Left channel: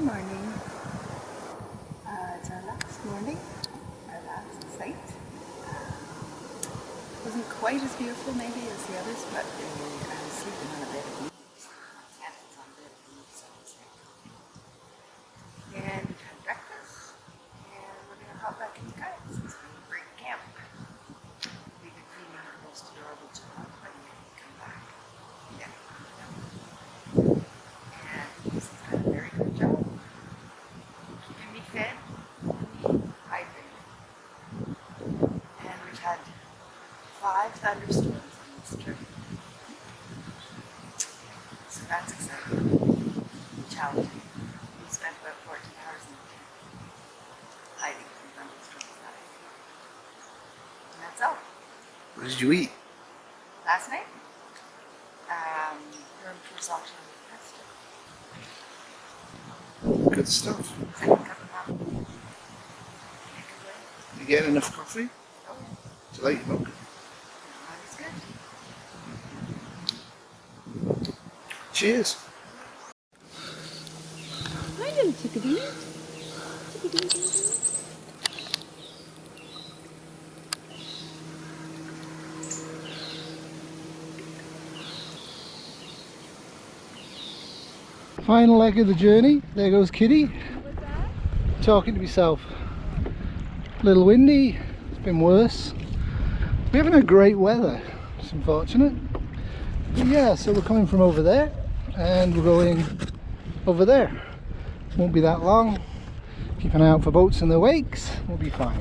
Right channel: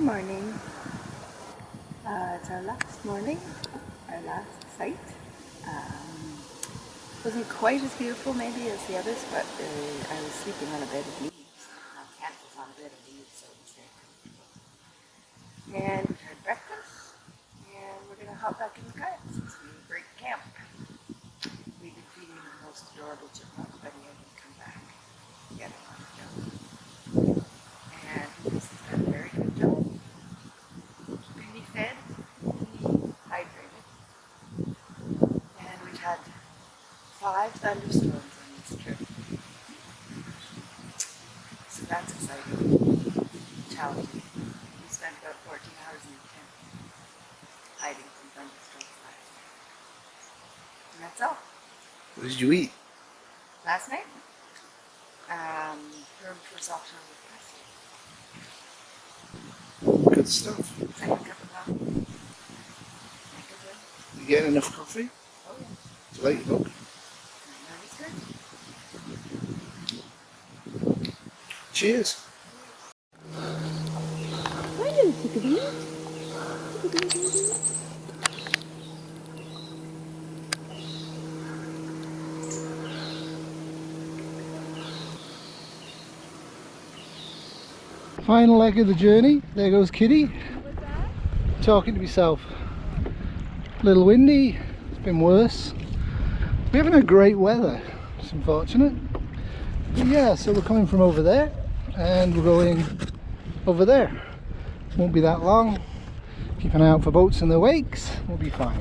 Good morning. It's our last morning, our last sight. Wasn't quite as beautiful maybe as the others, but I was sleeping on a bed of leaves. My tent was on a bed of leaves, so it was very comfy. And we've had breakfast, and we're going to hop back in the kayak since we break camp. We've been feeding the most adorable chipmunk, but he hadn't come back. Get him on the film. And Lucas has done a very good job keeping me fed and me hydrated. And we've had 5 thunderstorms on this trip. So that's exciting. Challenging. We spent about 14 hours in the tent hiding from thunderstorms last night. And that's all. What did you eat? Last night? Herb risotto with pesto. Good stuff. Second cup of coffee. Can't complain. You getting enough coffee? Oh yeah. Do you like your mug? Mine is good. Cheers. Hi, little chickadee. Final leg of the journey. There goes Kitty. Talking to myself. A little windy. It's been worse. We haven't had great weather. It's unfortunate. But yeah, so we're coming from over there and we're going over there. Won't be that long. Keep an eye out for boats in the wakes. We'll be fine.